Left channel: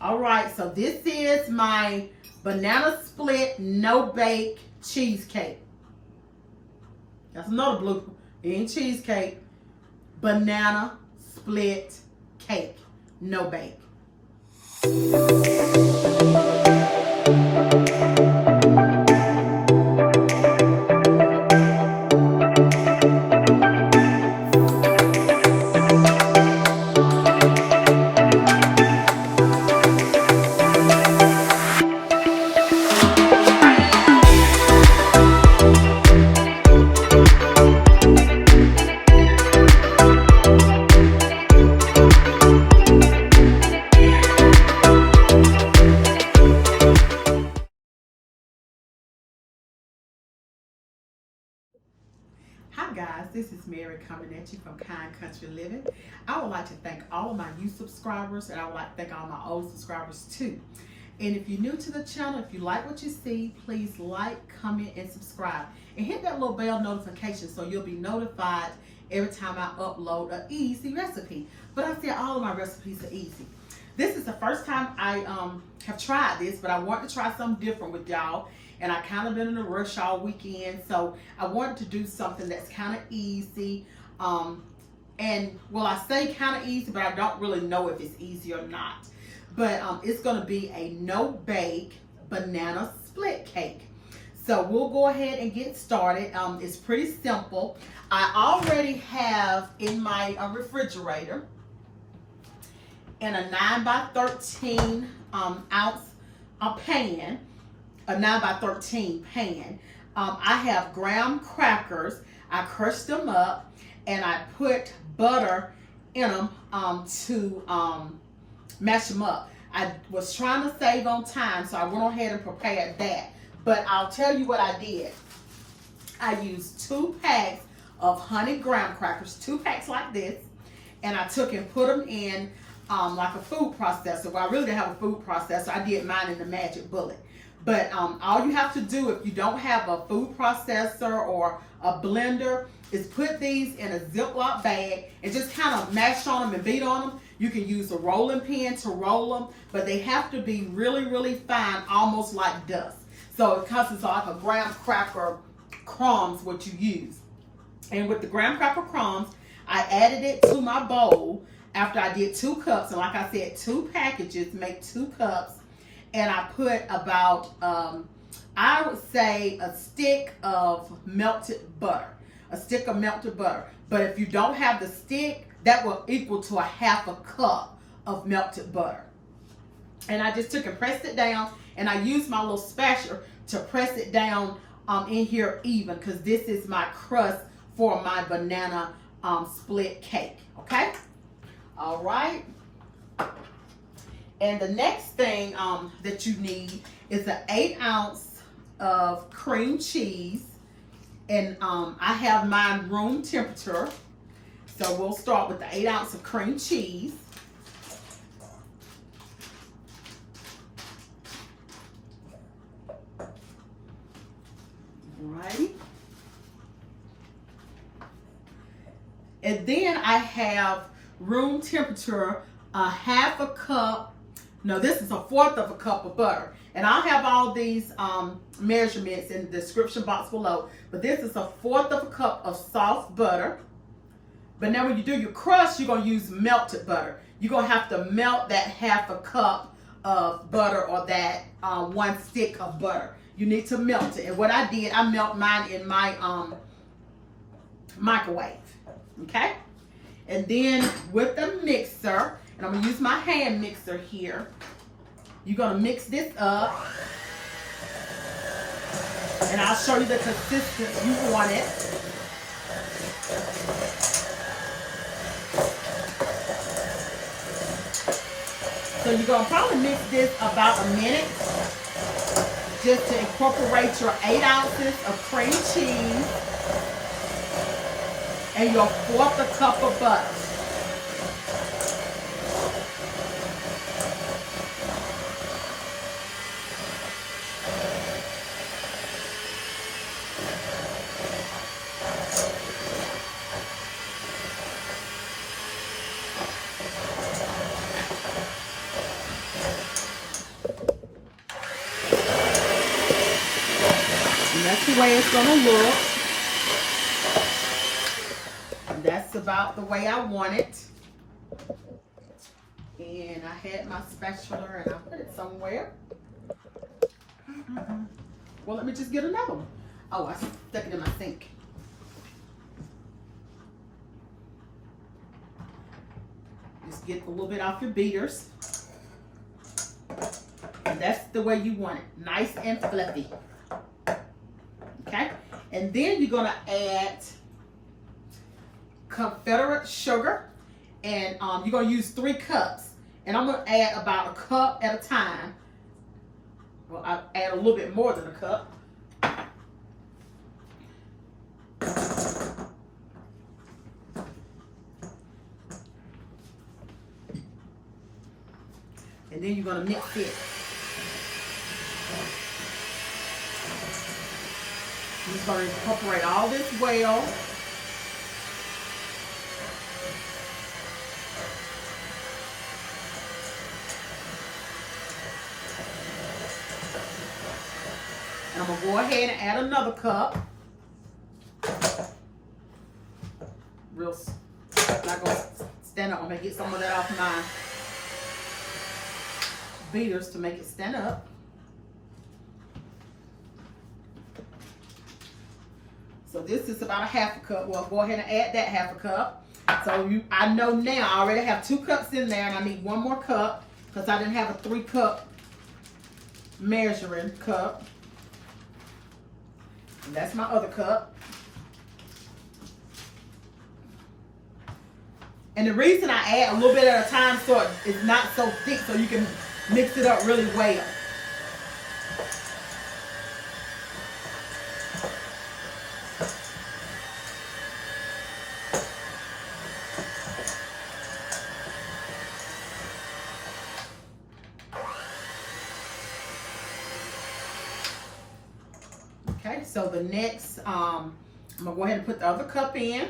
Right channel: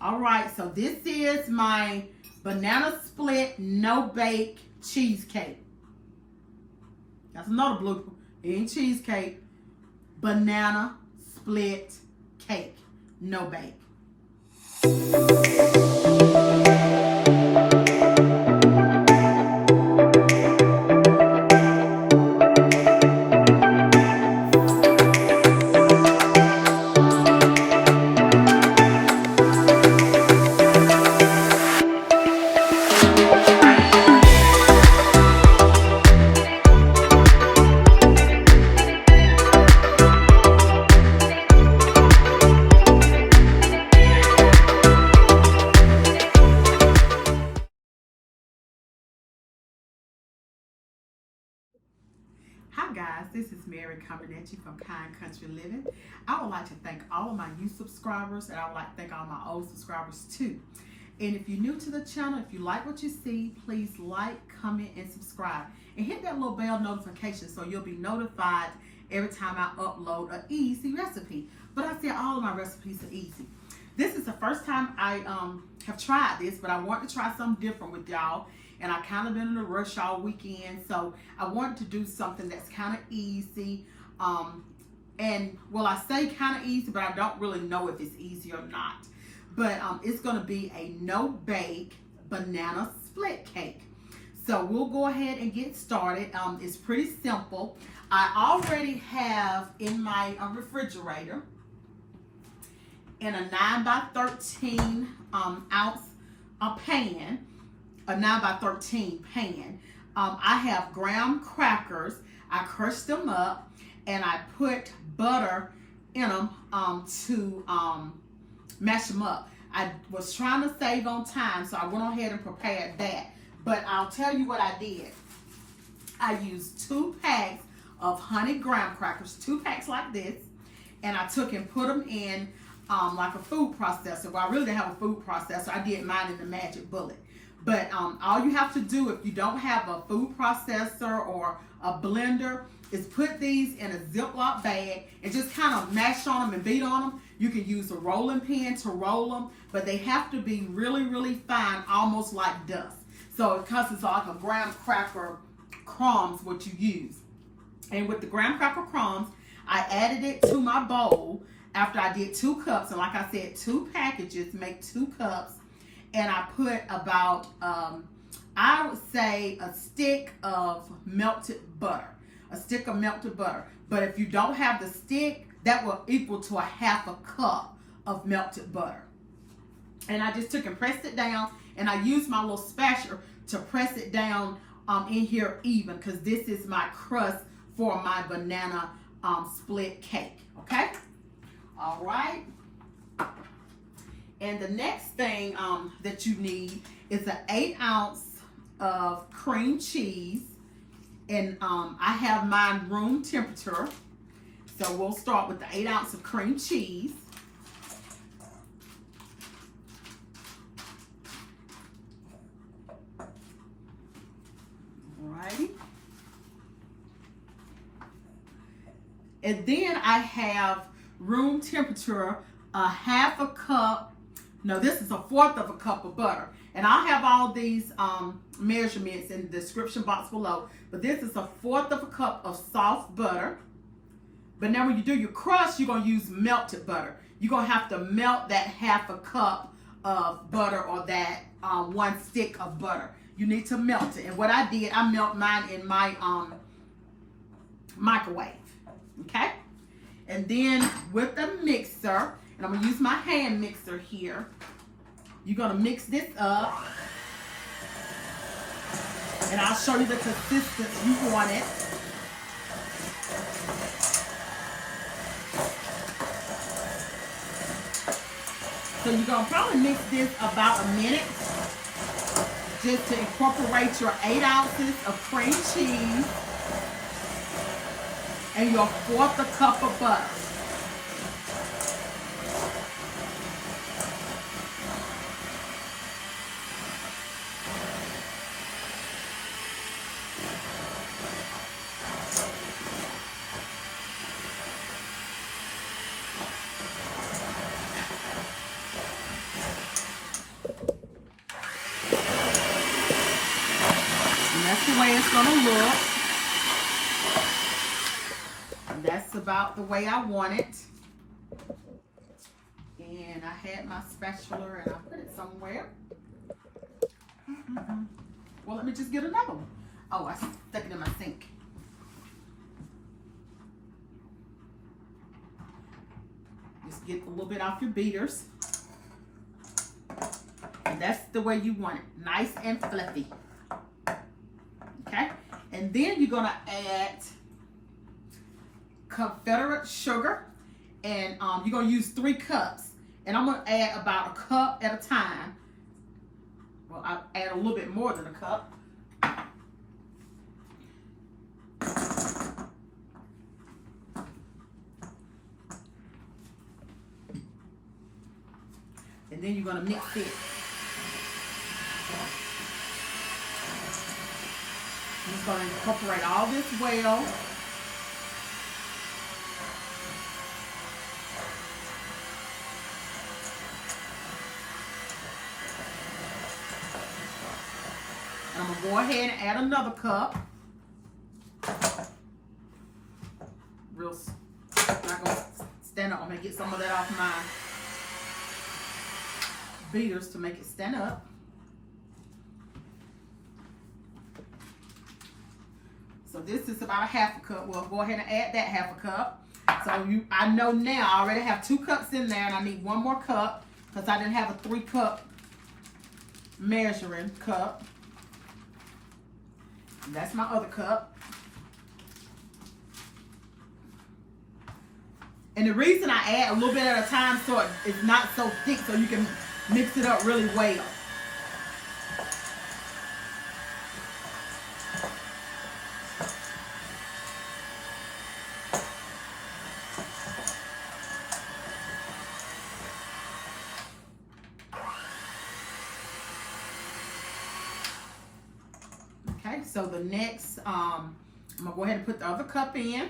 All right, so this is my banana split no bake cheesecake. That's another blooper. It ain't cheesecake. Banana split cake, no bake. Hi guys, this is Mary coming at you from Kind Country Living. I would like to thank all of my new subscribers, and I would like to thank all my old subscribers too. And if you're new to the channel, if you like what you see, please like, comment, and subscribe. And hit that little bell notification so you'll be notified every time I upload an easy recipe. But I say all of my recipes are easy. This is the first time I have tried this, but I want to try something different with y'all. And I kind of been in a rush all weekend, so I wanted to do something that's kind of easy. And well, I say kind of easy, but I don't really know if it's easy or not. But it's going to be a no-bake banana split cake. So we'll go ahead and get started. It's pretty simple. I already have in my refrigerator in a 9 by 13 ounce pan. A 9 by 13 pan. I have graham crackers. I crushed them up and I put butter in them to mash them up. I was trying to save on time, so I went ahead and prepared that. But I'll tell you what I did. I used 2 packs of honey graham crackers, 2 packs like this, and I took and put them in like a food processor. Well, I really didn't have a food processor. I did mine in the Magic Bullet. But all you have to do if you don't have a food processor or a blender is put these in a Ziploc bag and just kind of mash on them and beat on them. You can use a rolling pin to roll them, but they have to be really, really fine, almost like dust. So it consists of like a graham cracker crumbs, what you use. And with the graham cracker crumbs, I added it to my bowl after I did 2 cups. And like I said, 2 packages make 2 cups. And I put about, I would say a stick of melted butter. A stick of melted butter. But if you don't have the stick, that will equal to a 1/2 cup of melted butter. And I just took and pressed it down. And I used my little spatula to press it down in here even. Because this is my crust for my banana split cake. Okay? All right. And the next thing that you need is an 8 ounce of cream cheese. And I have mine room temperature. So we'll start with the 8 ounce of cream cheese. Right. And then I have room temperature a 1/2 cup. No, this is a 1/4 of a cup of butter. And I'll have all these measurements in the description box below. But this is a 1/4 of a cup of soft butter. But now when you do your crust, you're going to use melted butter. You're going to have to melt that 1/2 cup of butter or that 1 stick of butter. You need to melt it. And what I did, I melt mine in my microwave. Okay? And then with the mixer, and I'm going to use my hand mixer here. You're going to mix this up. And I'll show you the consistency you want it. So you're going to probably mix this about a minute. Just to incorporate your 8 ounces of cream cheese. And your 1/4 cup of butter. way it's gonna look. And that's about the way I want it. And I had my spatula and I put it somewhere. Well, let me just get another one. Oh, I stuck it in my sink. Just get a little bit off your beaters. And that's the way you want it. Nice and fluffy. Okay? And then you're gonna add Confederate sugar. And you're gonna use 3 cups. And I'm gonna add about a cup at a time. Well, I'll add a little bit more than a cup. And then you're gonna mix it. I'm just gonna incorporate all this well. And I'm gonna go ahead and add another cup. Not gonna stand up. I'm gonna get some of that off my beaters to make it stand up. So this is about a half a cup. Well, go ahead and add that half a cup. So I know now I already have 2 cups in there, and I need 1 more cup because I didn't have a 3-cup measuring cup. And that's my other cup. And the reason I add a little bit at a time so it's not so thick, so you can mix it up really well. Okay, so the next, I'm gonna go ahead and put the other cup in.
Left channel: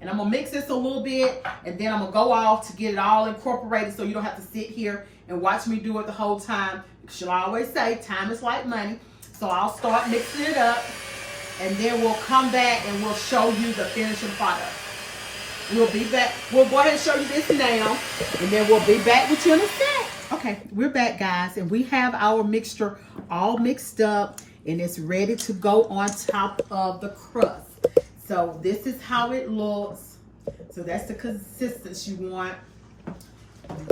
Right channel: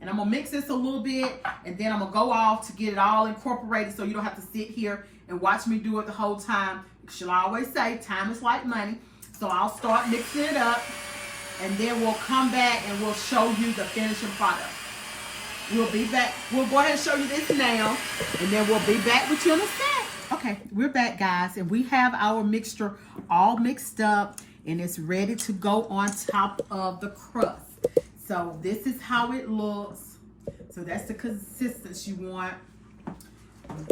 And I'm gonna mix this a little bit, and then I'm gonna go off to get it all incorporated so you don't have to sit here and watch me do it the whole time. Because you'll always say time is like money. So I'll start mixing it up, and then we'll come back and we'll show you the finishing product. We'll be back. We'll go ahead and show you this now, and then we'll be back with you in a sec. Okay, we're back, guys, and we have our mixture all mixed up, and it's ready to go on top of the crust. So this is how it looks. So that's the consistency you want.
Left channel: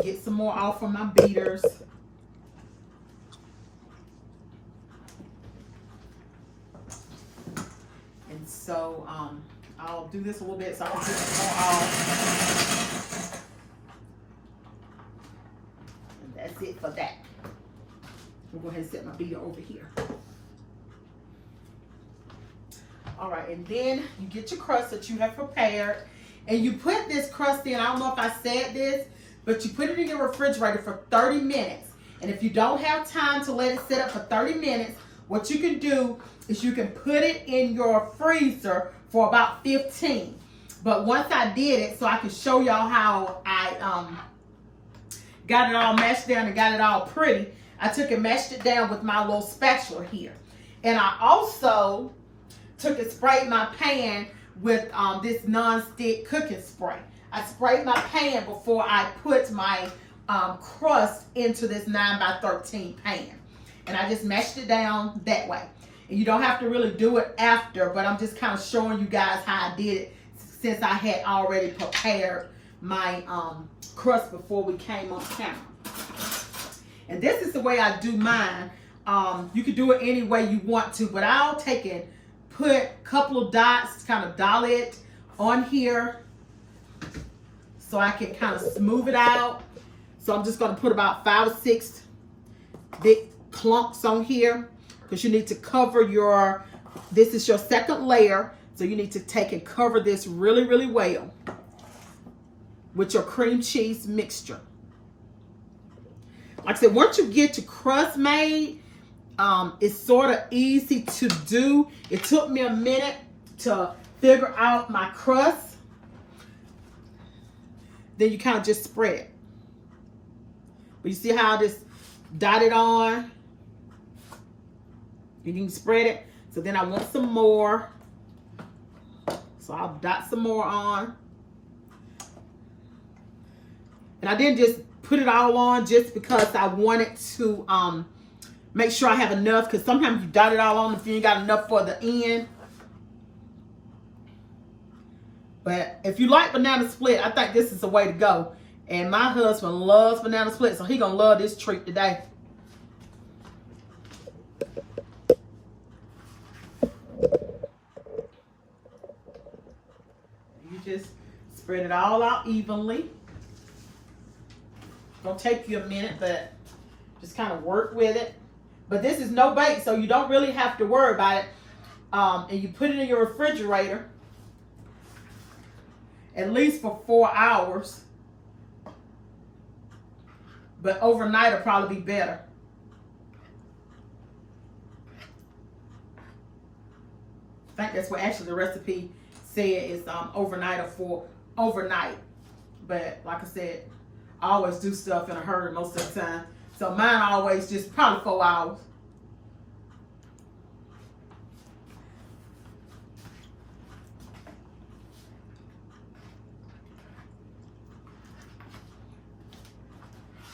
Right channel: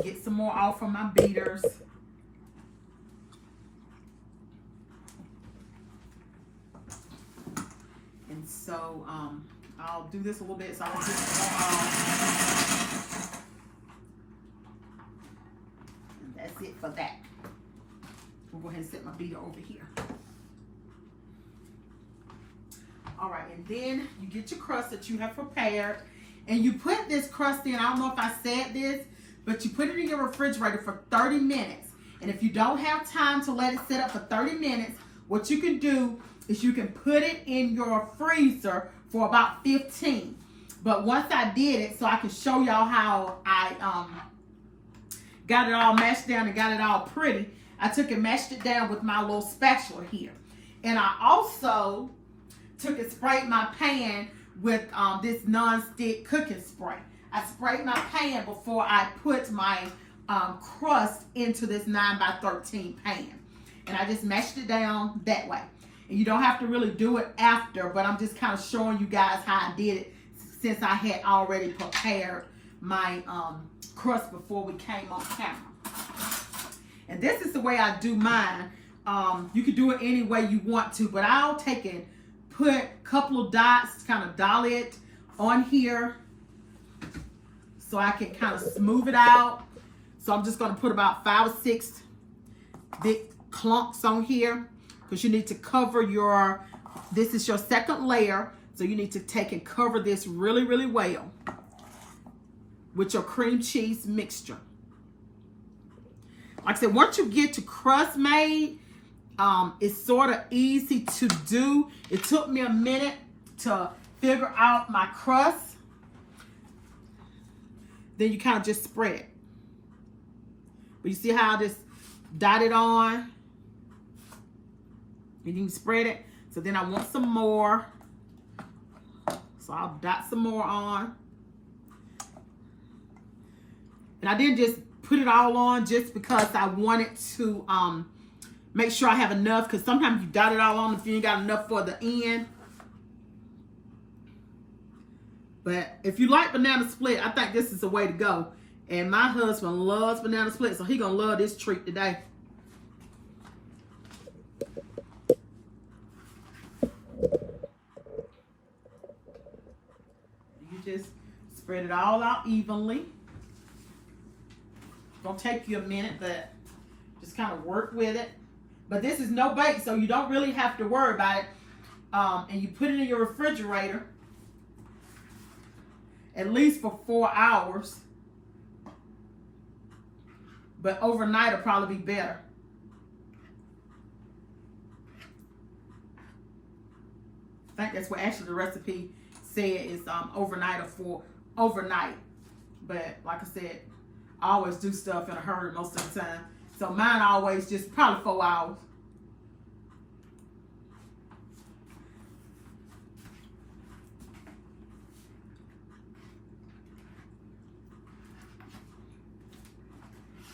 Get some more off from my beaters. And so I'll do this a little bit so I can get some more off. And that's it for that. We'll go ahead and set my beater over here. All right, and then you get your crust that you have prepared, and you put this crust in. I don't know if I said this, but you put it in your refrigerator for 30 minutes. And if you don't have time to let it sit up for 30 minutes, what you can do is you can put it in your freezer for about 15. But once I did it, so I can show y'all how I got it all mashed down and got it all pretty, I took and mashed it down with my little spatula here. And I also took and sprayed my pan with this non-stick cooking spray. I sprayed my pan before I put my crust into this 9x13 pan. And I just mashed it down that way. And you don't have to really do it after, but I'm just kind of showing you guys how I did it since I had already prepared my crust before we came on camera. And this is the way I do mine. You can do it any way you want to, but I'll take it, put a couple of dots, kind of dolly it on here so I can kind of smooth it out. So I'm just going to put about 5 or 6 big clumps on here because you need to cover your, this is your second layer. So you need to take and cover this really, really well with your cream cheese mixture. Like I said, once you get your crust made, it's sort of easy to do. It took me a minute to figure out my crust. Then you kind of just spread it. But you see how I just dotted on? You can spread it. So then I want some more. So I'll dot some more on. And I didn't just put it all on just because I wanted to make sure I have enough, because sometimes you dot it all on if you ain't got enough for the end. But if you like banana split, I think this is the way to go. And my husband loves banana split, so he's going to love this treat today. You just spread it all out evenly. Gonna take you a minute, but just kind of work with it. But this is no bake, so you don't really have to worry about it. And you put it in your refrigerator at least for 4 hours. But overnight will probably be better. I think that's what actually the recipe said is overnight or for overnight. But like I said, I always do stuff in a hurry most of the time. So mine always just probably 4 hours.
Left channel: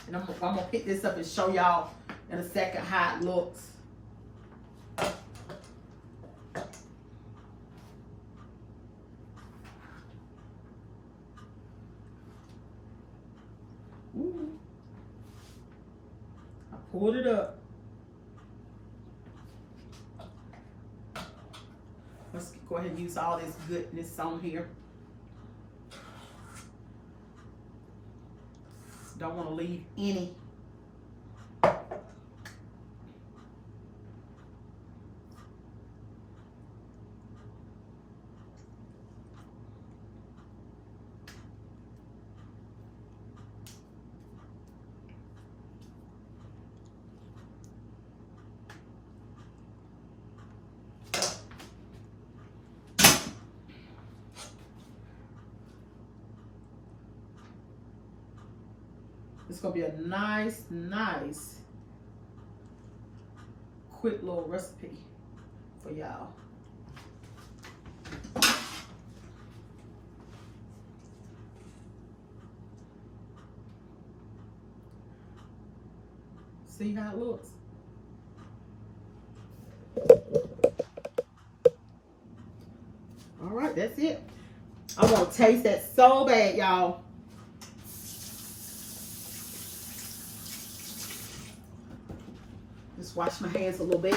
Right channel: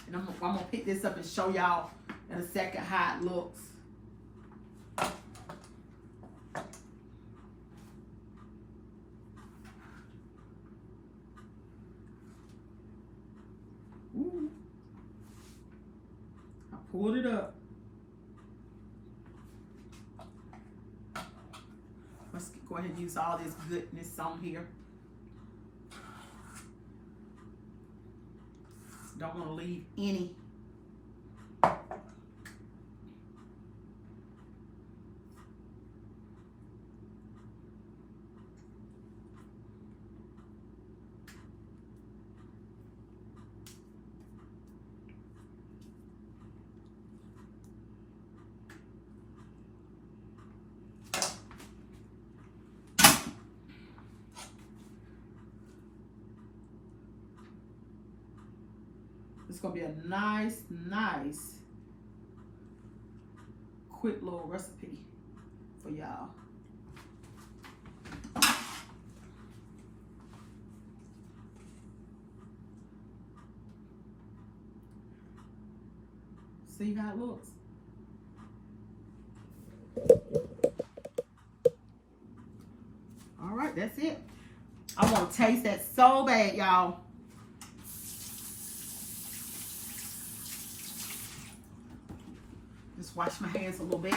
And I'm going to pick this up and show y'all in a second how it looks. Ooh. I pulled it up. Let's go ahead and use all this goodness on here. Don't want to leave any. It's going to be a nice, quick little recipe for y'all. See how it looks. All right, that's it. I want to taste that so bad, y'all. Just wash my hands a little bit.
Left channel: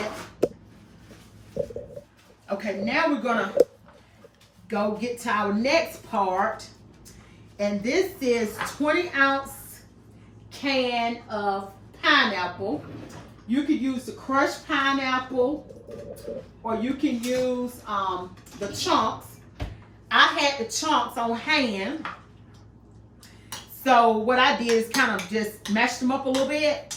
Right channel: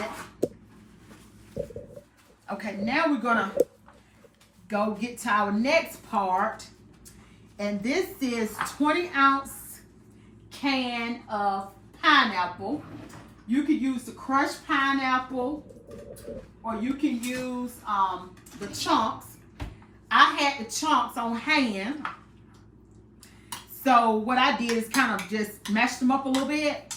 Okay, now we're gonna go get to our next part. And this is 20-ounce can of pineapple. You could use the crushed pineapple, or you can use the chunks. I had the chunks on hand. So what I did is kind of just mashed them up a little bit.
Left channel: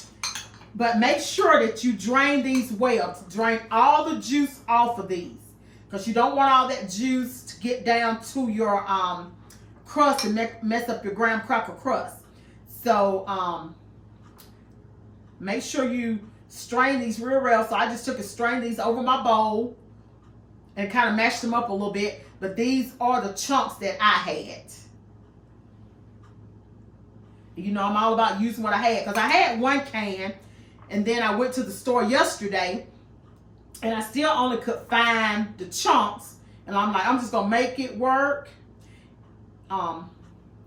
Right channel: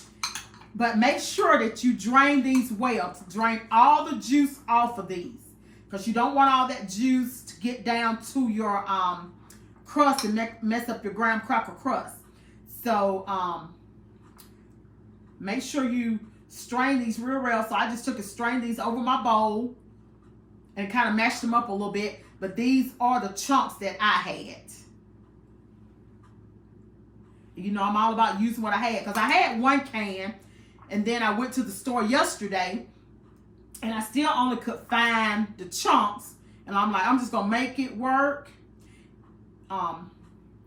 But make sure that you drain these well. Drain all the juice off of these, because you don't want all that juice to get down to your crust and mess up your graham cracker crust. So make sure you strain these real well. So I just took and strained these over my bowl and kind of mashed them up a little bit. But these are the chunks that I had. You know, I'm all about using what I had, because I had 1 can. And then I went to the store yesterday, and I still only could find the chunks. And I'm like, I'm just going to make it work. And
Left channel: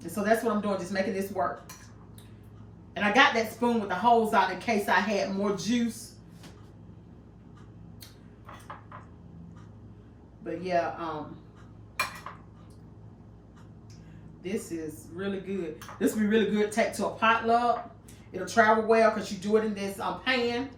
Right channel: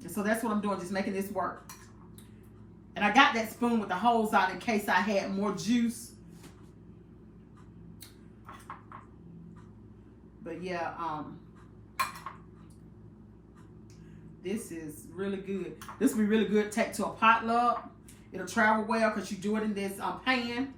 so that's what I'm doing, just making this work. And I got that spoon with the holes out in case I had more juice. But yeah, this is really good. This will be really good to take to a potluck. It'll travel well because you do it in this pan.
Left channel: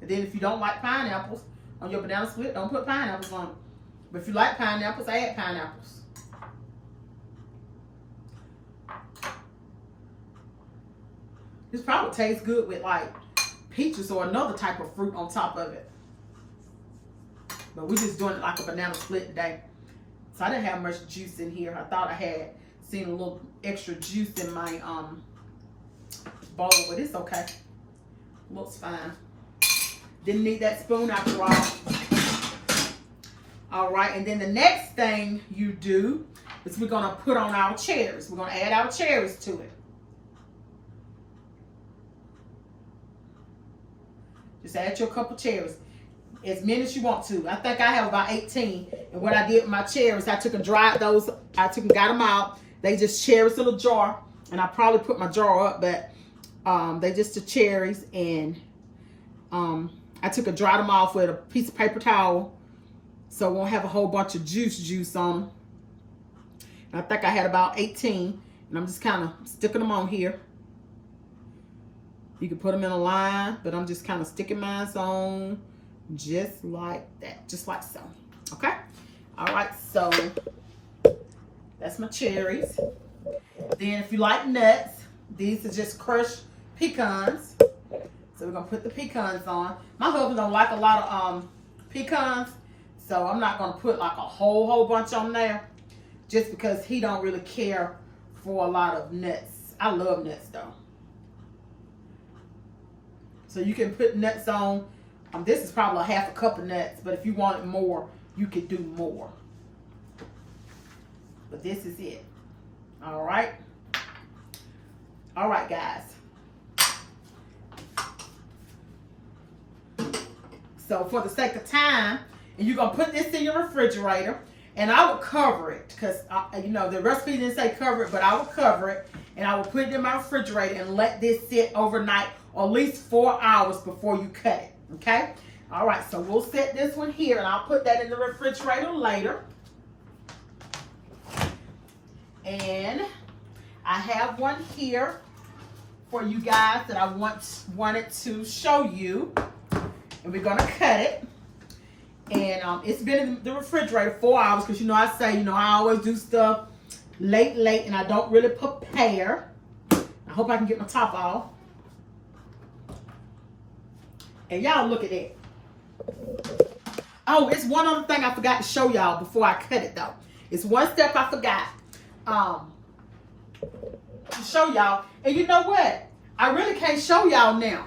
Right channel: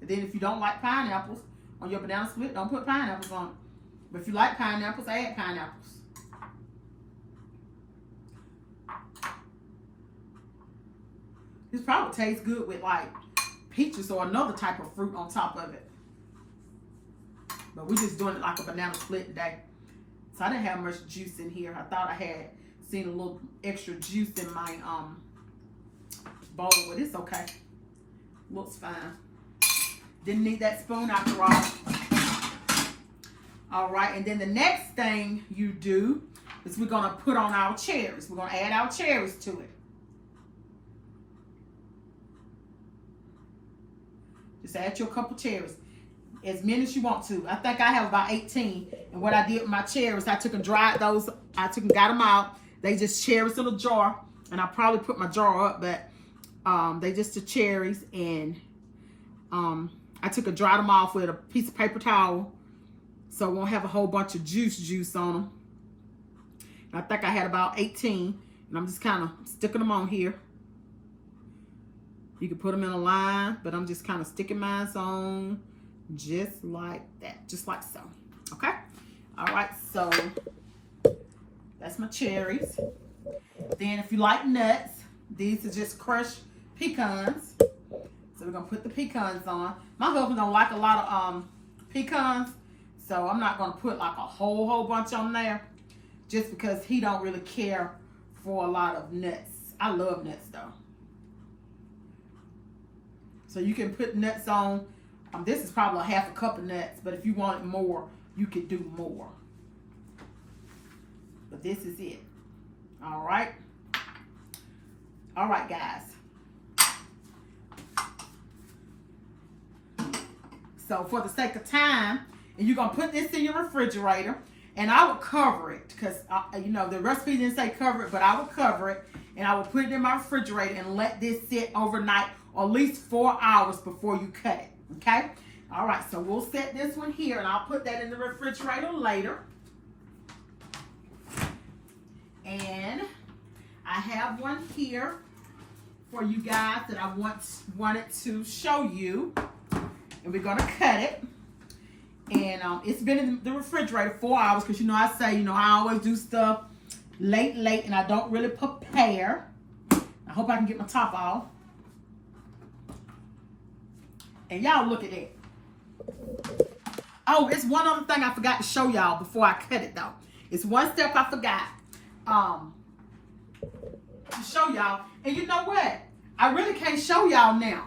And then if you don't like pineapples on your banana split, don't put pineapples on it. But if you like pineapples, add pineapples. This probably tastes good with like peaches or another type of fruit on top of it. But we're just doing it like a banana split today. So I didn't have much juice in here. I thought I had Seeing a little extra juice in my bowl, but it's okay. Looks fine. Didn't need that spoon after all. All right, and then the next thing you do is we're gonna put on our cherries. We're gonna add our cherries to it. Just add your couple cherries, as many as you want to. I think I have about 18. And what I did with my cherries, I took and dried those. I took and got them out. They just cherries in a jar, and I probably put my jar up, but they just the cherries, and I took and dried them off with a piece of paper towel, so it won't have a whole bunch of juice on them. And I think I had about 18, and I'm just kind of sticking them on here. You can put them in a line, but I'm just kind of sticking mine on just like that, just like so. Okay. All right. So that's my cherries. Then if you like nuts, these are just crushed pecans. So we're gonna put the pecans on. My husband don't like a lot of pecans, so I'm not gonna put like a whole bunch on there, just because he don't really care for a lot of nuts. I love nuts though. So you can put nuts on. This is probably a half a cup of nuts, but if you wanted more, you could do more. But this is it. All right. All right, guys. So for the sake of time, and you're going to put this in your refrigerator, and I will cover it because, you know, the recipe didn't say cover it, but I will cover it, and I will put it in my refrigerator and let this sit overnight, or at least 4 hours before you cut it. Okay? All right, so we'll set this one here, and I'll put that in the refrigerator later. And I have one here for you guys that I wanted to show you. And we're going to cut it. And it's been in the refrigerator 4 hours because, you know, I say, you know, I always do stuff late, and I don't really prepare. I hope I can get my top off. And y'all look at it. Oh, it's one other thing I forgot to show y'all before I cut it, though. It's one step I forgot to show y'all. And you know what? I really can't show y'all now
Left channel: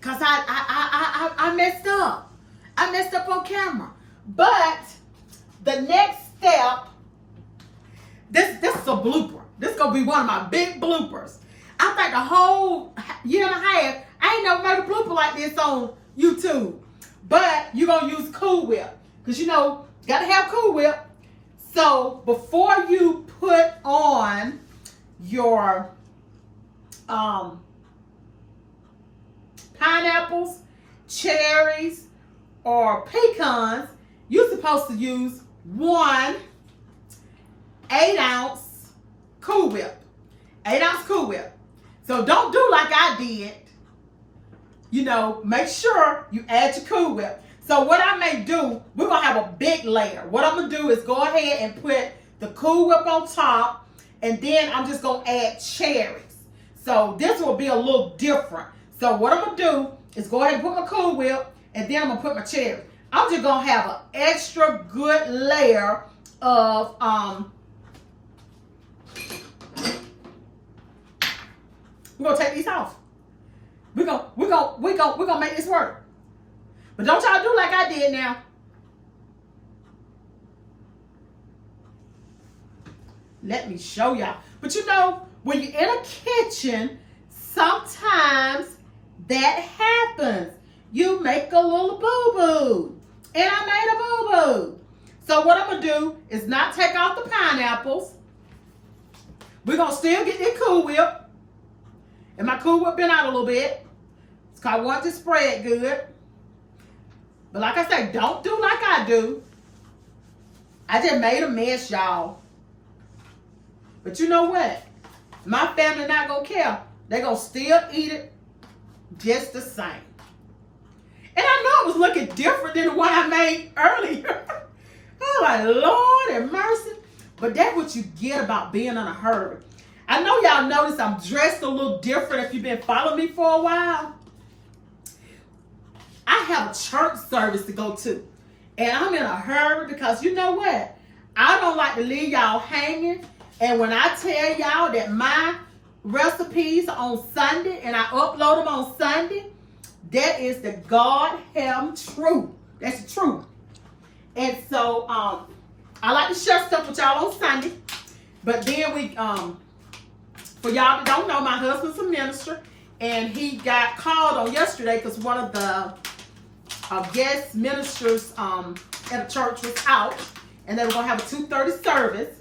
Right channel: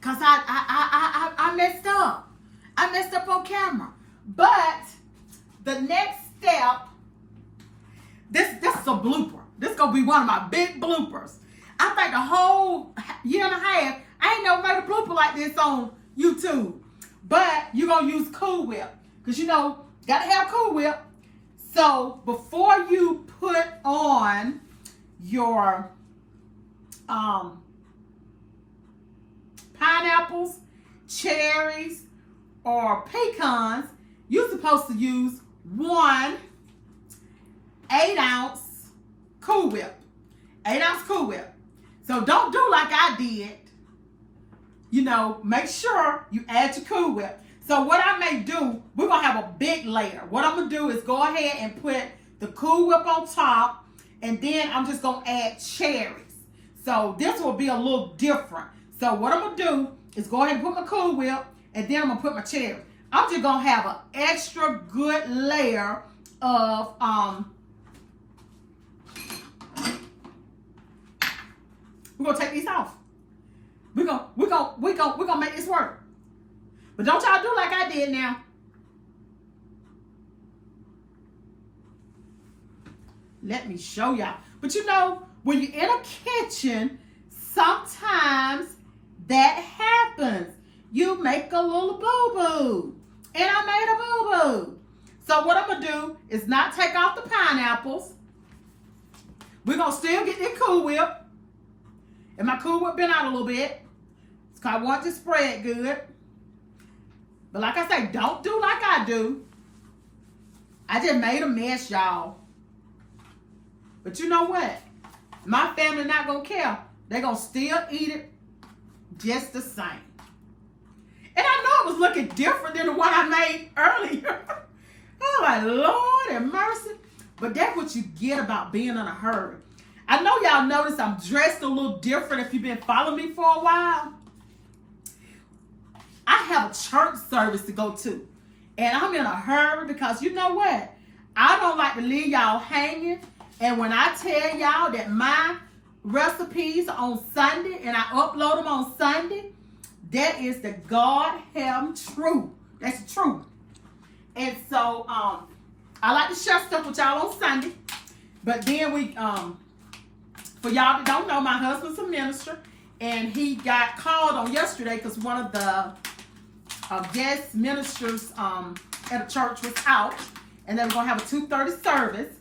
because I messed up. I messed up on camera. But the next step, this is a blooper. This is going to be one of my big bloopers. I think the whole year and a half, I ain't never made a blooper like this on YouTube. But you're going to use Cool Whip. Because, you know, got to have Cool Whip. So, before you put on your pineapples, cherries, or pecans, you're supposed to use 1 8-ounce Cool Whip. 8-ounce Cool Whip. So don't do like I did. You know, make sure you add your Cool Whip. So what I may do, we're going to have a big layer. What I'm going to do is go ahead and put the Cool Whip on top, and then I'm just going to add cherries. So this will be a little different. So what I'm going to do is go ahead and put my Cool Whip, and then I'm going to put my cherries. I'm just going to have an extra good layer of we're going to take these off. We're gonna make this work. But don't y'all do like I did now. Let me show y'all. But you know, when you're in a kitchen, sometimes that happens. You make a little boo-boo. And I made a boo-boo. So what I'm going to do is not take off the pineapples. We're going to still get that Cool Whip. And my Cool Whip been out a little bit. It's because I want to spread good. But like I say, don't do like I do. I just made a mess, y'all. But you know what? My family not going to care. They're going to still eat it just the same. And I know it was looking different than the one I made earlier. I'm like, Lord have mercy. But that's what you get about being in a hurry. I know y'all notice I'm dressed a little different if you've been following me for a while. I have a church service to go to. And I'm in a hurry because you know what? I don't like to leave y'all hanging. And when I tell y'all that my recipes are on Sunday and I upload them on Sunday, that is the goddamn truth. That's the truth. And so I like to share stuff with y'all on Sunday. But then we, for y'all that don't know, my husband's a minister. And he got called on yesterday because one of the guest ministers at a church was out. And they were going to have a 2:30 service.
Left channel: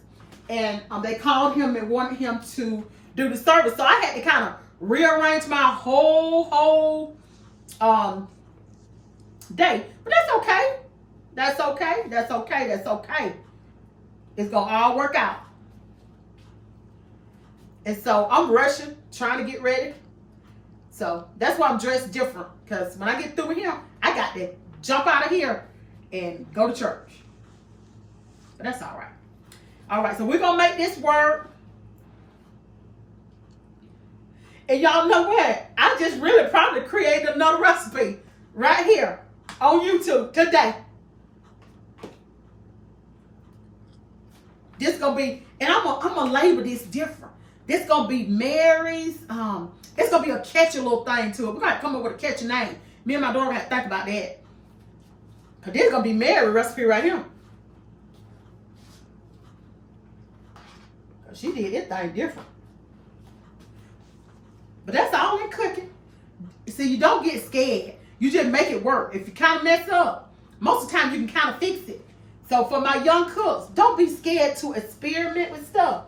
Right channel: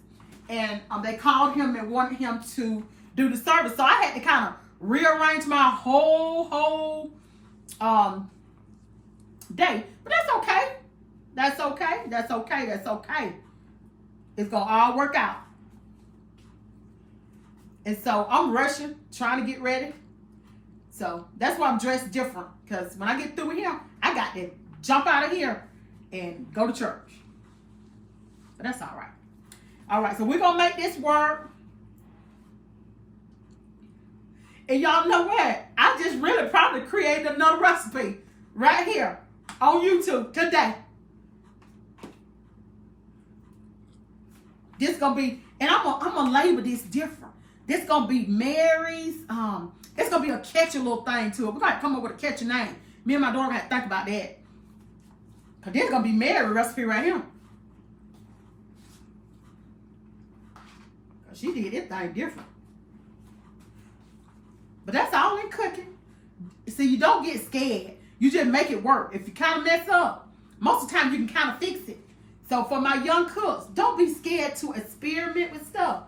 And they called him and wanted him to do the service. So I had to kind of rearrange my whole day. But that's okay. That's okay. That's okay. That's okay. It's going to all work out. And so I'm rushing, trying to get ready. So that's why I'm dressed different. Because when I get through with him, I got to jump out of here and go to church. But that's all right. All right, so we're going to make this work. And y'all know what? I just really probably created another recipe right here on YouTube today. This going to be, and I'm gonna label this different. This going to be Mary's, it's going to be a catchy little thing to it. We're going to come up with a catchy name. Me and my daughter have to think about that. Because this is going to be Mary's recipe right here. She did this thing different. But that's all in cooking. See, you don't get scared. You just make it work. If you kind of mess up, most of the time you can kind of fix it. So for my young cooks, don't be scared to experiment with stuff.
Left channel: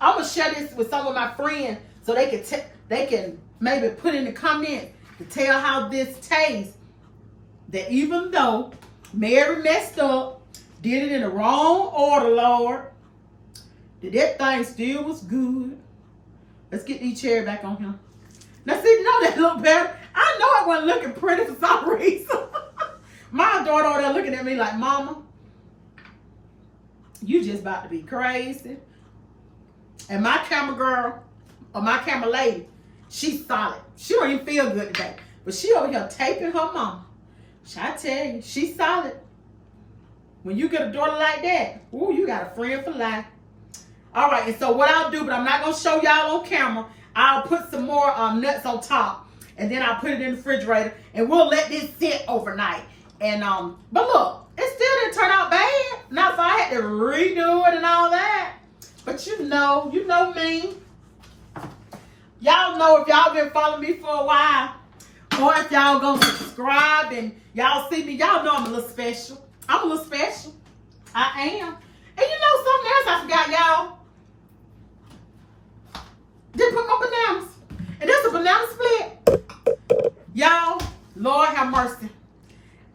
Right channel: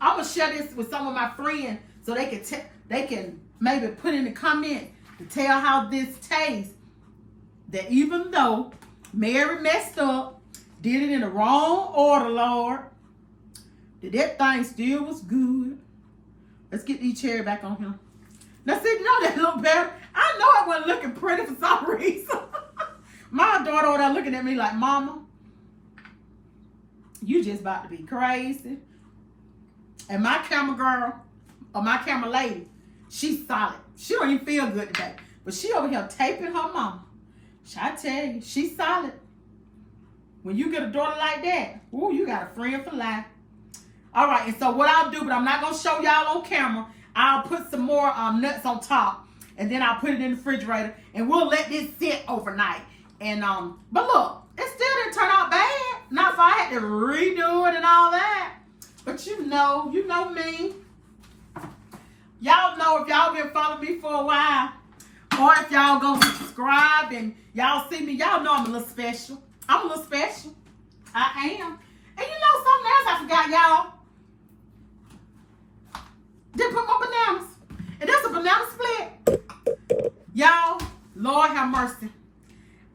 I'm going to share this with some of my friends so they can maybe put in the comments to tell how this tastes. That even though Mary messed up, did it in the wrong order, Lord, that thing still was good. Let's get these cherries back on him. Now, see, you know that look better? I know I wasn't looking pretty for some reason. My daughter over there looking at me like, Mama, you just about to be crazy. And my camera girl, or my camera lady, she's solid. She don't even feel good today. But she over here taping her mama. I tell you, she's solid. When you get a daughter like that, ooh, you got a friend for life. All right, and so what I'll do, but I'm not going to show y'all on camera, I'll put some more nuts on top, and then I'll put it in the refrigerator, and we'll let this sit overnight. And but look, it still didn't turn out bad. Not if I had to redo it and all that. But you know me. Y'all know if y'all been following me for a while, or if y'all go subscribe and y'all see me, y'all know I'm a little special. I'm a little special. I am. And you know something else I forgot, y'all? Didn't put my bananas. And that's a banana split. Y'all, Lord have mercy.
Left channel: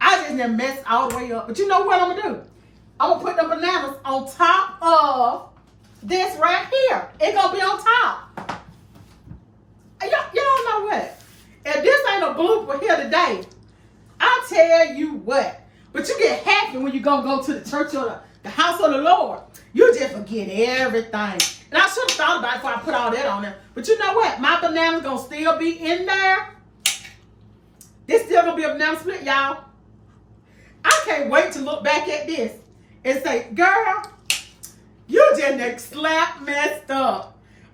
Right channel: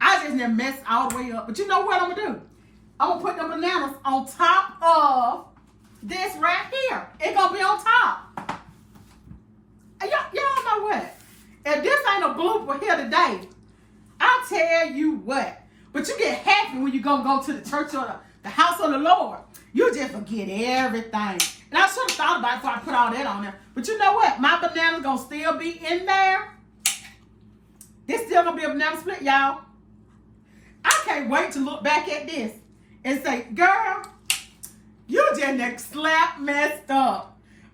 I just never messed all the way up. But you know what I'm going to do? I'm going to put them bananas on top of this right here. It's going to be on top. Y'all know what? If this ain't a blooper here today, I tell you what. But you get happy when you're going to go to the church or the house of the Lord. You just forget everything. And I should have thought about it before I put all that on there. But you know what? My banana's going to still be in there. This still going to be a banana split, y'all. I can't wait to look back at this and say, girl, you just slap messed up.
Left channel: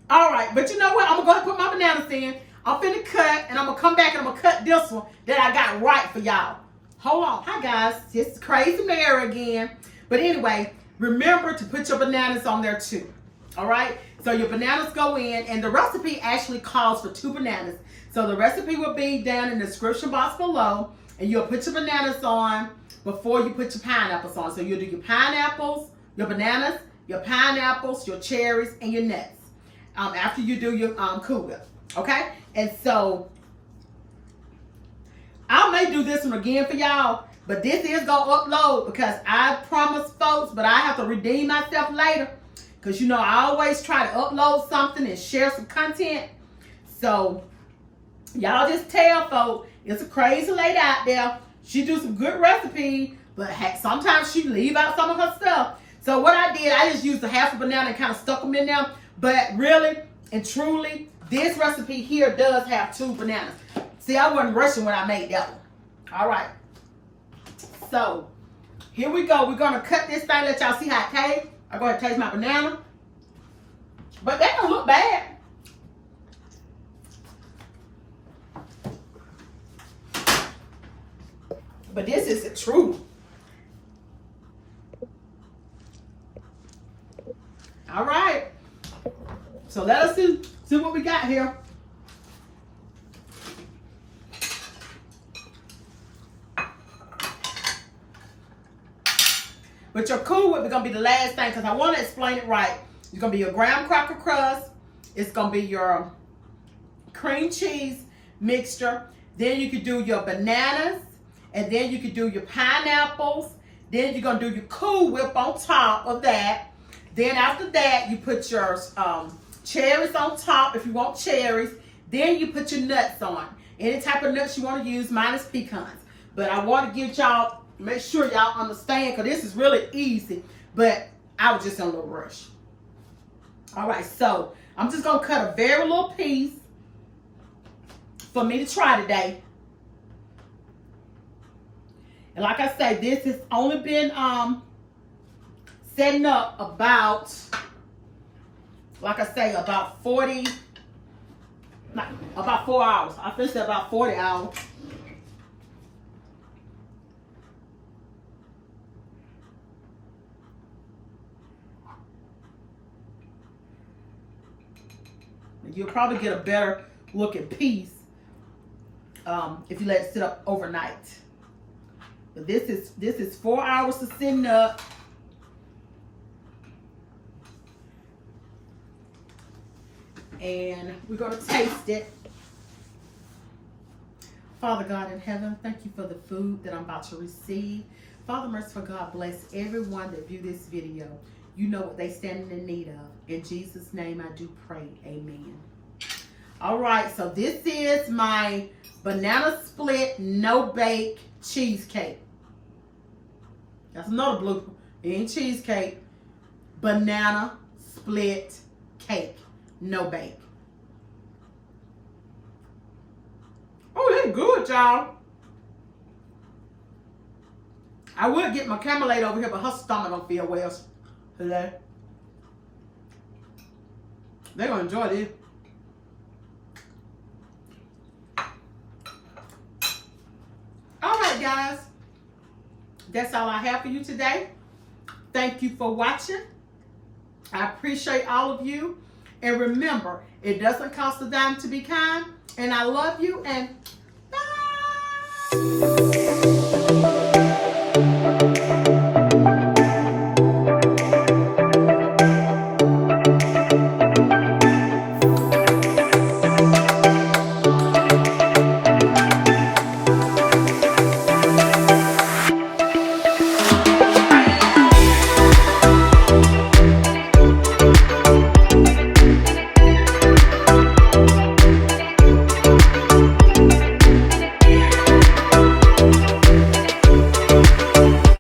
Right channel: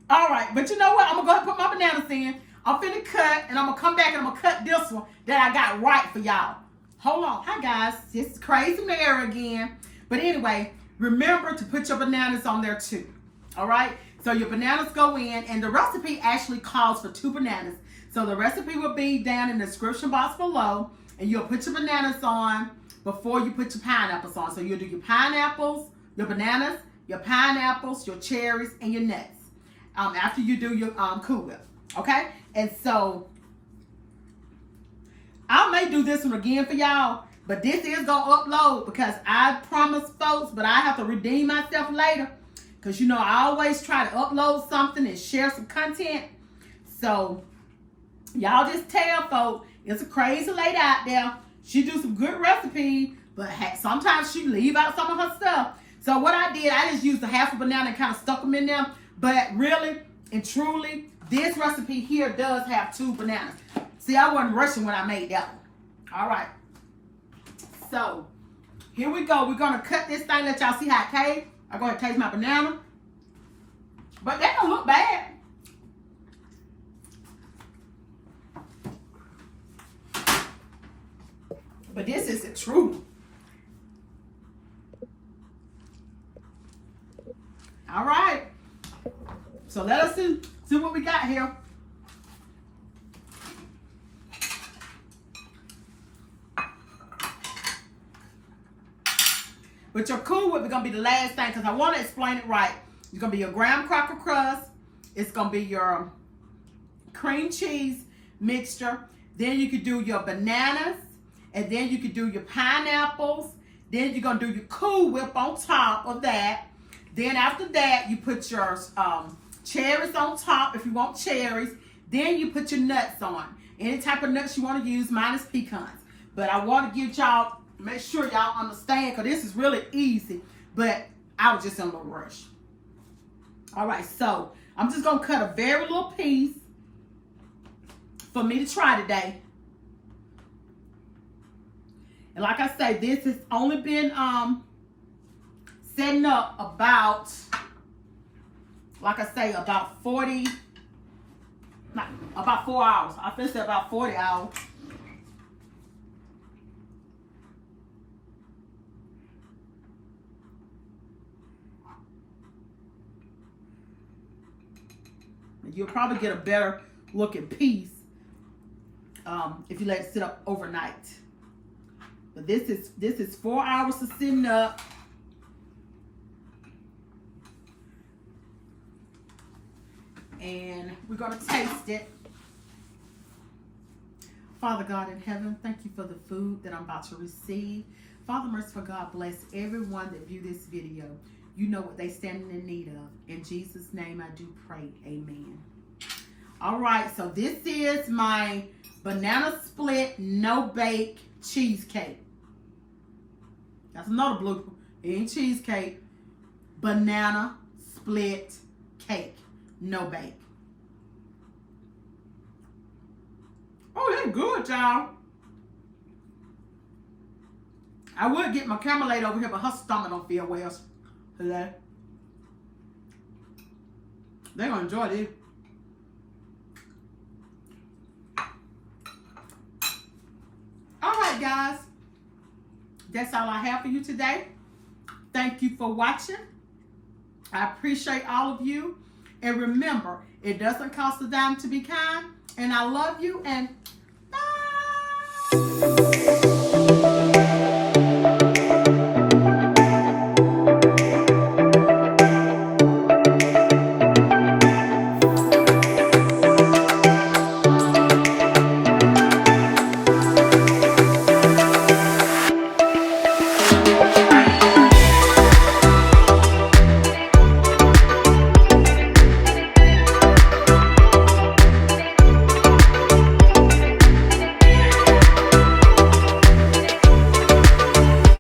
All right. But you know what? I'm going to go ahead and put my bananas in. I'm finna cut. And I'm going to come back and I'm going to cut this one that I got right for y'all. Hold on. Hi, guys. It's Crazy Mary again. But anyway, remember to put your bananas on there too. All right? So your bananas go in, and the recipe actually calls for 2 bananas. So the recipe will be down in the description box below, and you'll put your bananas on before you put your pineapples on. So you'll do your pineapples, your bananas, your pineapples, your cherries, and your nuts after you do your Cool Whip. Okay? And so I may do this one again for y'all, but this is going to upload because I promised folks, but I have to redeem myself later. Because, you know, I always try to upload something and share some content. So, y'all just tell folks, it's a crazy lady out there. She do some good recipes, but sometimes she leave out some of her stuff. So, what I did, I just used a half a banana and kind of stuck them in there. But really and truly, this recipe here does have 2 bananas. See, I wasn't rushing when I made that one. All right. So, here we go. We're going to cut this thing, let y'all see how it tastes. I go ahead and taste my banana. But that don't look bad. But this is the truth. All right. So let us see what we got here. But your Cool Whip is going to be the last thing because I want to explain it right. It's going to be your graham cracker crust. It's going to be your cream cheese mixture. Then you could do your bananas. And then you could do your pineapples. Then you're going to do your Cool Whip on top of that. Then after that, you put your cherries on top if you want cherries. Then you put your nuts on. Any type of nuts you want to use minus pecans. But I want to give y'all, make sure y'all understand because this is really easy. But I was just in a little rush. All right, so I'm just going to cut a very little piece for me to try today. And like I say, this has only been setting up about, like I say, about 4 hours. I finished at about 40 hours. You'll probably get a better looking piece if you let it sit up overnight. But this is 4 hours of sitting up. And we're going to taste it. Father God in heaven, thank you for the food that I'm about to receive. Father, merciful God, bless everyone that view this video. You know what they stand in need of. In Jesus' name I do pray. Amen. All right, so this is my banana split no-bake cheesecake. That's another blooper. It ain't cheesecake. Banana split cake. No bake. Oh, that's good, y'all. I would get my Camelade over here, but her stomach don't feel well. Hello. They're going to enjoy this. All right, guys. That's all I have for you today. Thank you for watching. I appreciate all of you. And remember, it doesn't cost a dime to be kind. And I love you. And